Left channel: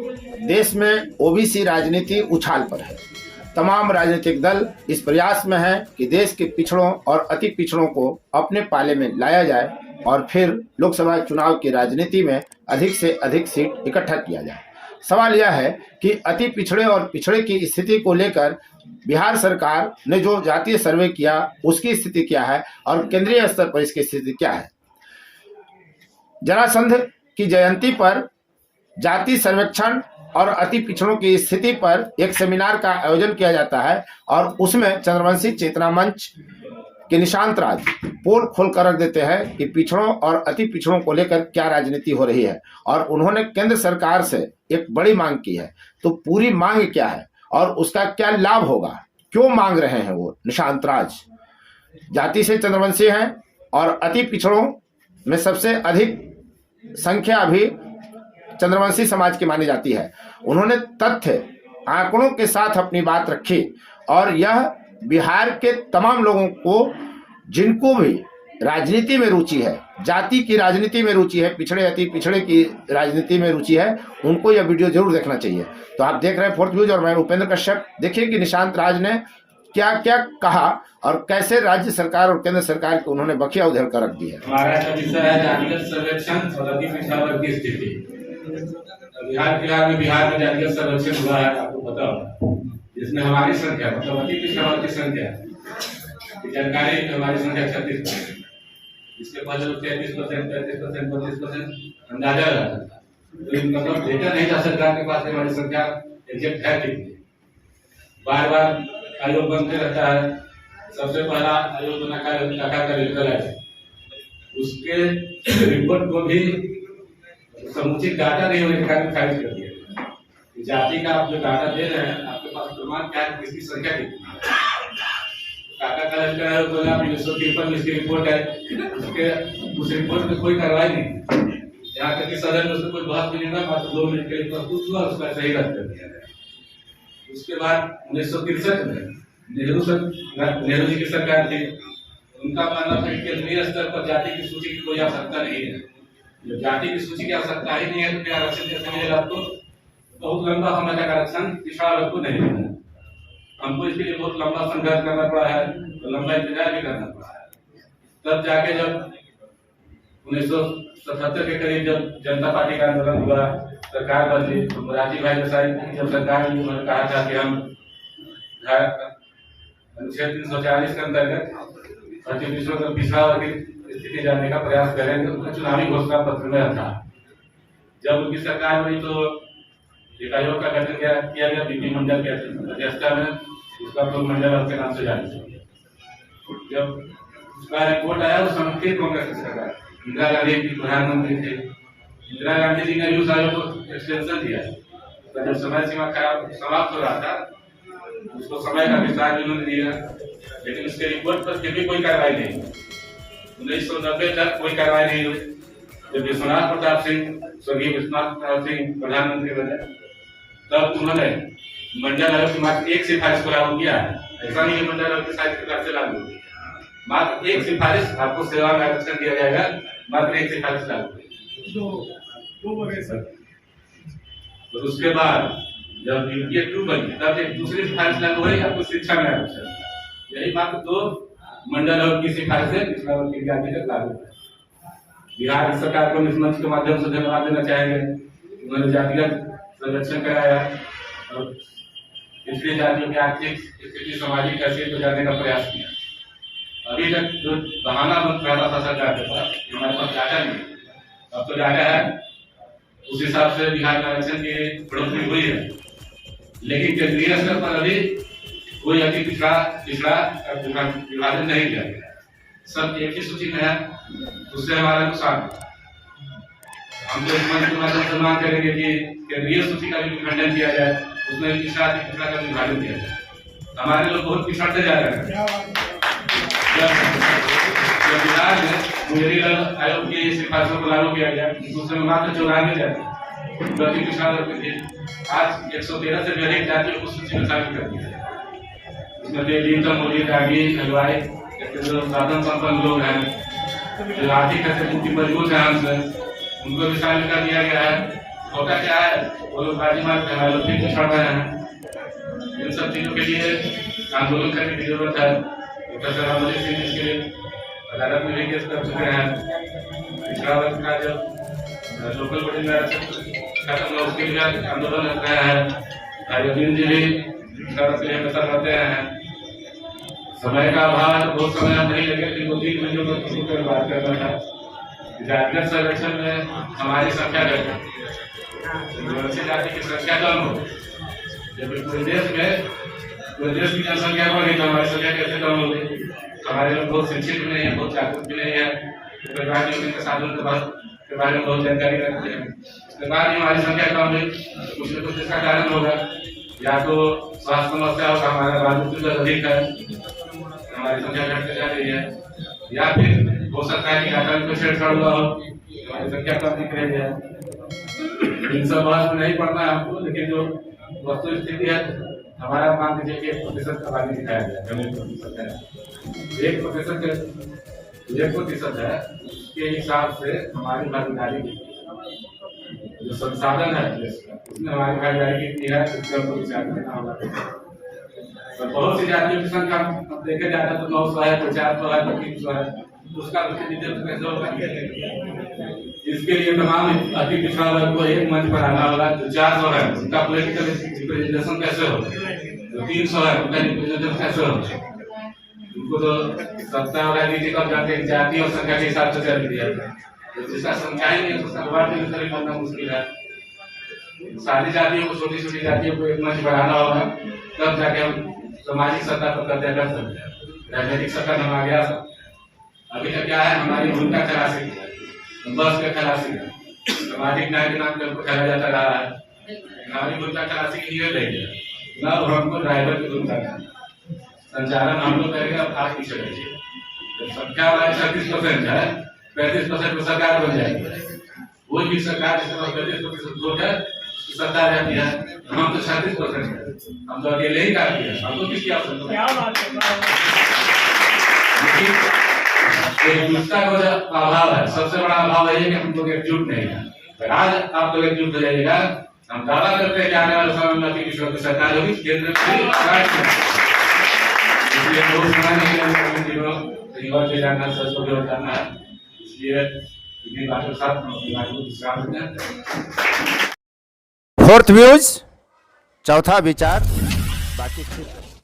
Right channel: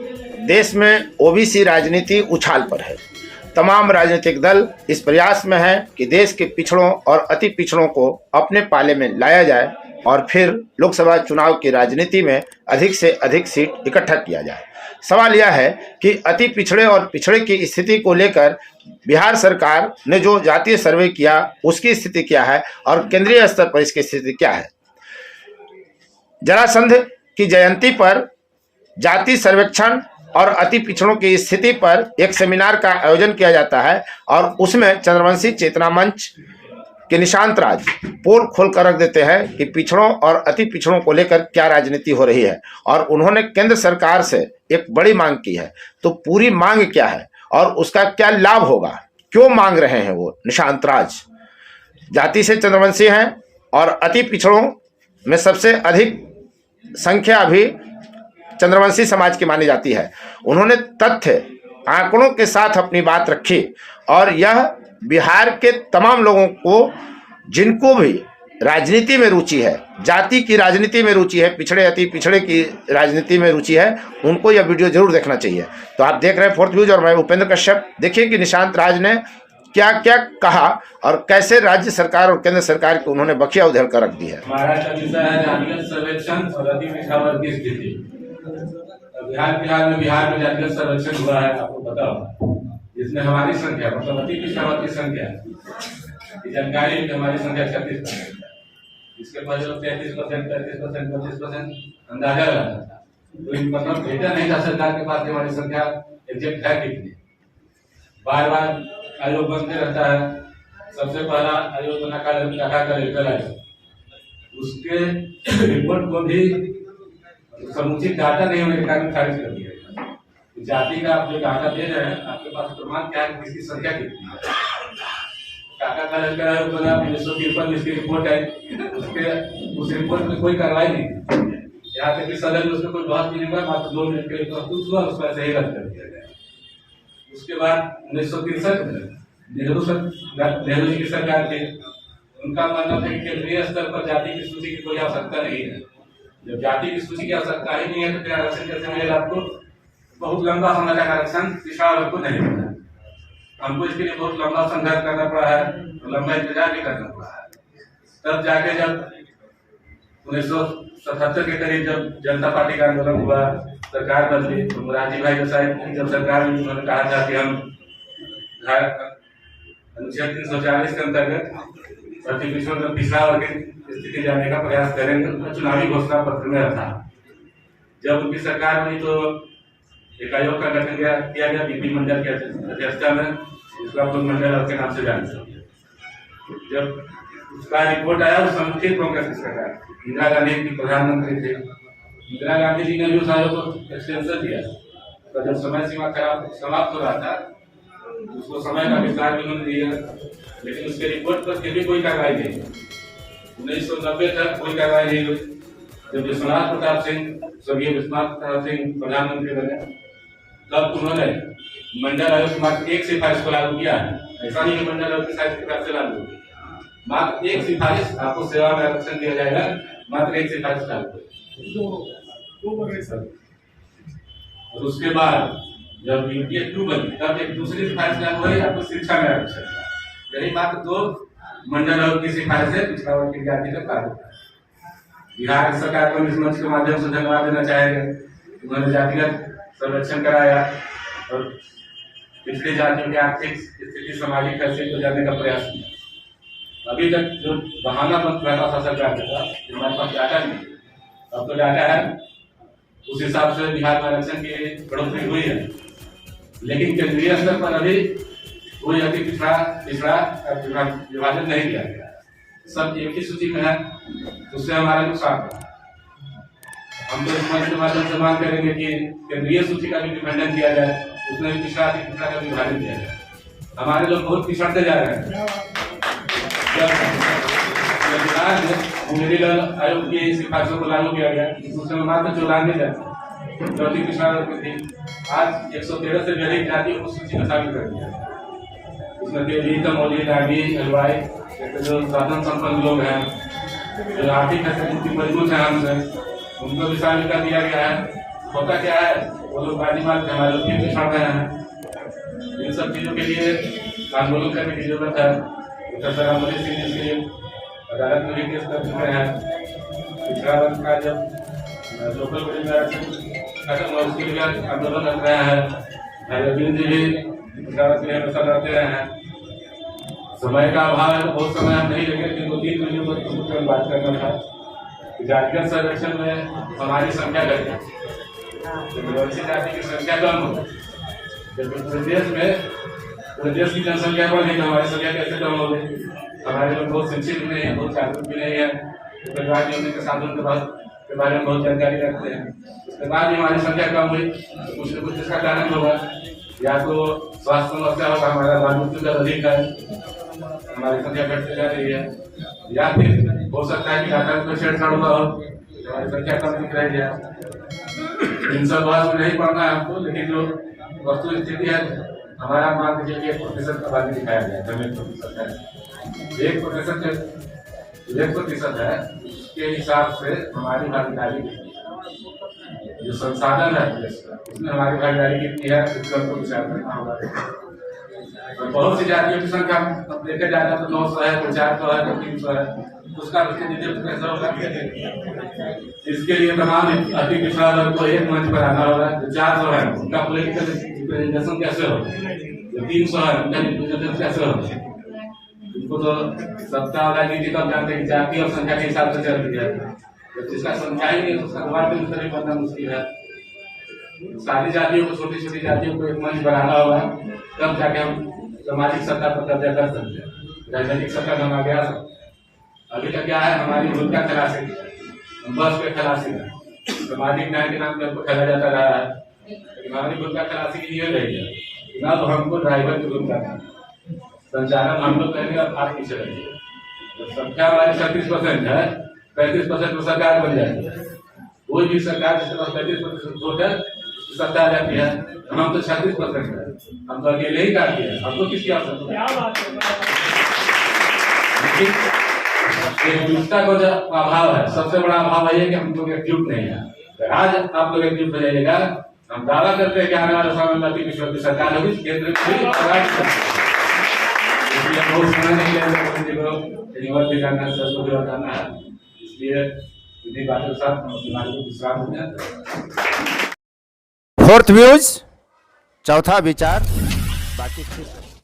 देश में ओबीसी राजनीति उछाल पर है। तमाम राजनीतिक दल इस प्रयास में है कि देश के पिछड़ों और अति पिछड़ों को अपने पाले में लाया जाए और फिर लोकसभा चुनाव की राजनीति में अधिक से अधिक सीट इकट्ठा किया जाए। सवाल यह है कि अति पिछड़े और पिछड़े की स्थिति को लेकर बिहार सरकार ने जो जातीय सर्वे किया उसकी स्थिति क्या है और केंद्रीय स्तर पर इसकी स्थिति क्या है। जरासंध की जयंती पर जाति सर्वेक्षण और अति पिछड़ों की स्थिति पर एक सेमिनार का आयोजन किया जाता है और उसमें चंद्रवंशी चेतना मंच के निशांत राज पोल खोल कर रख देते हैं कि पिछड़ों और अति पिछड़ों को लेकर क्या राजनीति हो रही है और उन्होंने केंद्र सरकार से एक बड़ी मांग की है। तो पूरी मांग क्या है और उसका क्या लाभ होगा, क्यों मांग रहे हैं वो निशांत राज। जाति से चंद्रवंशी हैं और अति पिछड़ों में सबसे अधिक संख्या अभी चंद्रवंशी समाज की मानी जाती है। उन्होंने तथ्य आंकड़ों के साथ अपनी बात रखी और यह बिहार के तमाम लोगों को जिनको भी राजनीति में रुचि है, जाति की राजनीति में रुचि है, पिछड़े अति पिछड़े की राजनीति में रुचि है, उनको यह वीडियो जरूर देखना चाहिए। तो आप देख रहे हैं फोर्थ व्यूज और मैं उपेंद्र कश्यप। देखिए कि निशांत राज ने क्या क्या कहा और कैसे राज्य सरकार और केंद्र सरकार की उन्होंने बखिया उधेड़ कर रख दी है। हमारा विषय है जातिगत सर्वेक्षण और अति पिछड़ा वर्ग की स्थिति। बिहार में जातिगत सर्वेक्षण हुआ है, आपको पता होगा, जिसमें हमारी संख्या मतलब अति पिछड़ा वर्ग की संख्या की जानकारी हमारी संख्या 36%। इसके पहले 33%, 35%, 32% अंदाजा लगाता था। तो मतलब डेटा नहीं था सरकार के पास हमारी संख्या एग्जैक्ट है कितनी। बार बार आयोग बनते रहता है। सबसे पहला आयोग बना कर उसके रिपोर्ट को भी समुचित डाटा नहीं होने के कारण खारिज कर दिया गया। जाति का आप जो डाटा दे रहे हैं, आपके पास प्रमाण क्या है, इसकी संख्या कितनी है। काका कॉलेज का बना 1953 इसकी रिपोर्ट है, उस रिपोर्ट में कोई कार्रवाई नहीं। यहाँ तक कि सदन में उसमें कोई बात नहीं हुआ, मात्र 2 मिनट के लिए प्रस्तुत हुआ, उसका सही रद्द कर दिया गया। उसके बाद 1963 में नेहरू जी की सरकार थी। उनका मानना था कि केंद्रीय स्तर पर जाति की सूची की कोई आवश्यकता नहीं है। जब जाति की सूची की आवश्यकता ही नहीं है तो फिर आरक्षण कैसे मिलेगा आपको। बहुत लंबा समय तक आरक्षण पिछड़ा वर्ग को नहीं मिला। हमको इसके लिए बहुत लंबा संघर्ष करना पड़ा है, तो लंबा इंतजार भी करना पड़ा है। तब जाके जब 1977 के करीब जब जनता पार्टी का आंदोलन हुआ, सरकार बदली, तो मोरारजी भाई देसाई जब सरकार में उन्होंने कहा था कि हम अनुच्छेद 340 के अंतर्गत अति पिछड़ों का पिछड़ा वर्ग की स्थिति जानने का प्रयास करेंगे, तो चुनावी घोषणा पत्र में था। जब उनकी सरकार बनी तो एक आयोग का गठन किया गया बीपी मंडल की अध्यक्षता में, जिसको आप मंडल के नाम से जानते हैं। जब उसका रिपोर्ट आया उस समय फिर कांग्रेस की सरकार, इंदिरा गांधी की प्रधानमंत्री थे। इंदिरा गांधी जी ने उस आयोग को एक्सटेंशन दिया, तो जब समय सीमा समाप्त हो रहा था उसको समय का विस्तार भी उन्होंने दिया, लेकिन उसके रिपोर्ट पर फिर भी कोई कार्रवाई नहीं। 1990 तक कोई कार्रवाई नहीं हुई। जब विश्वनाथ प्रताप सिंह, स्वर्गीय विश्वनाथ प्रताप सिंह प्रधानमंत्री बने, तब उन्होंने मंडल आयोग की मात्र एक सिफारिश को लागू किया। ऐसा नहीं कि मंडल आयोग की सिफारिश से लागू हुई, मात्र एक सिफारिश, आपको सेवा में आरक्षण दिया जाएगा, मात्र एक सिफारिश लागू हुई। और उसके बाद जब यूपीए 2 बनी तब एक दूसरी सिफारिश लागू हुई, आपको शिक्षा में आरक्षण। यही मात्र 2 मंडल आयोग की सिफारिश है पिछड़ा वर्ग की जाति तक लागू है। बिहार सरकार को इस मंच के माध्यम से धन्यवाद देना चाहेंगे। उन्होंने जातिगत सर्वेक्षण कराया और पिछड़ी जातियों की आर्थिक स्थिति, सामाजिक हैसियत को जानने का प्रयास किया। अभी तक जो बहाना बन रहा था सरकार के पास, हमारे पास डाटा नहीं, अब तो डाटा है, उस हिसाब से बिहार में आरक्षण की बढ़ोतरी हुई है। लेकिन केंद्रीय स्तर पर अभी कोई अति पिछड़ा विभाजन नहीं किया गया, सब एक ही सूची में है। उससे हमारा नुकसान है। हम तो इस मंच के माध्यम से मांग करेंगे कि केंद्रीय सूची का भी खंडन किया जाए, उसमें पिछड़ा का विभाजन किया जाए। हमारे लोग बहुत पिछड़ते जा रहे हैं। बिहार में मेडिकल आयोग की सिफारिशों को लागू किया गया, उसमें मात्र 94 जाति प्रति पिछड़ा वर्ग थे। आज 113 से भी अधिक जातियों को सूची में शामिल कर दिया है। उसमें जो साधन संपन्न लोग हैं, जो आर्थिक हैसियत की मजबूत है, हमसे उनको भी शामिल कर दिया गया है। होता क्या है, वो लोग बाजी मार के हमारे लोग फिर पिछड़ रहे हैं। इन सब चीजों के लिए आंदोलन करने की जरूरत है। प्रोफेसर रामोली सिंह इसके अदालत में भी केस कर चुके हैं। पिछड़ा वर्ग का जो लोकल बॉडी में खत्म हुआ उसके लिए आंदोलन कर रहे हैं। अरविंद जी भी पिछड़ा वर्ग के लिए हमेशा लड़ते रहे हैं। समय का अभाव है तो बहुत समय नहीं लगे, 2-3 मिनटों को किसी पर बात करना था। जातिगत सर्वेक्षण में हमारी संख्या घट गई, आदिवासी जाति की संख्या कम हो, जबकि पूरे देश की जनसंख्या बढ़ गई तो हमारी संख्या कैसे कम हो गई? हमारे लोग बहुत शिक्षित भी नहीं है, बहुत जागरूक भी नहीं है, परिवार नियोजन के साधन के बारे में बहुत जानकारी रखते हैं। उसके बाद ही हमारी संख्या कम हुई, कुछ न कुछ इसका कारण होगा। या तो स्वास्थ्य समस्या होगा, हमारा बालमृत्यु अधिक है, हमारी संख्या घटते जा रही है, या फिर हो सकता है कि आतंक को छेड़छाड़ हुआ हो, हमारी संख्या कम दिख रही है। इन सब बात में नहीं पढ़ना है हमको, लेकिन जो वस्तु स्थिति है, हमारा मान लीजिए कि 1% आबादी दिखाया गया, 1% है, 1% है, उसके हिसाब से हमारी भागीदारी जो संसाधन है उसमें हमारी भागीदारी कितनी है, उसका तो विचार करना होगा। बहुत सी जातियों की संख्या देखा जाता तो 900 है, 400 है, 300 है, उसका प्रतिनिधित्व कैसे होगा? इसके लिए तमाम अति पिछड़ा वर्ग को एक मंच पर आना होगा। जो 400 है उनका पॉलिटिकल रिप्रेजेंटेशन कैसे होगा? जो 300 है उनका रिप्रेजेंटेशन कैसे होगा? उनको तो सत्ता होगा, नीति कम करते हैं, जाति और संख्या के हिसाब से चल रही है। तो जिसका संख्या ही नहीं है उसका बात करना मुश्किल है। सारी जातियों को, छोटी छोटी जातियों को एक मंच पर आना होगा, तब जाके हम सामाजिक सत्ता पर कब्जा कर सकते हैं। राजनीतिक सत्ता हम आगे आ सकते। अभी तक क्या है, हमारी भूमिका खलासी बस के खलासी है, सामाजिक न्याय के नाम पर हमको खेला जाता रहा है, लेकिन हमारी भूमिका खलासी की नहीं रही है। अब हमको ड्राइवर की भूमिका है, संचालन हम लोग करेंगे। अब आप पीछे रहिए, जब संख्या 36% है, 35% तो सरकार बन जाएगी। कोई भी सरकार जिसके पास 35% वोट है सत्ता रहती है, हम तो 36% है, हम तो अकेले ही काफी है, हमको किसकी आवश्यकता है? एकजुटता का जो अभाव है, सबसे बड़ा अभाव है कि हम लोग एकजुट नहीं है। आज आप लोग एकजुट हो जाइएगा, हम दावा करते हैं कि आने वाले समय में अति पिछड़ों की सरकार होगी, केंद्र में इसलिए बहुत समय नहीं जानना जानना है, इसलिए बातों के साथ विश्राम देते हैं। फोर्थ व्यूज, चौथा विचार, बाकी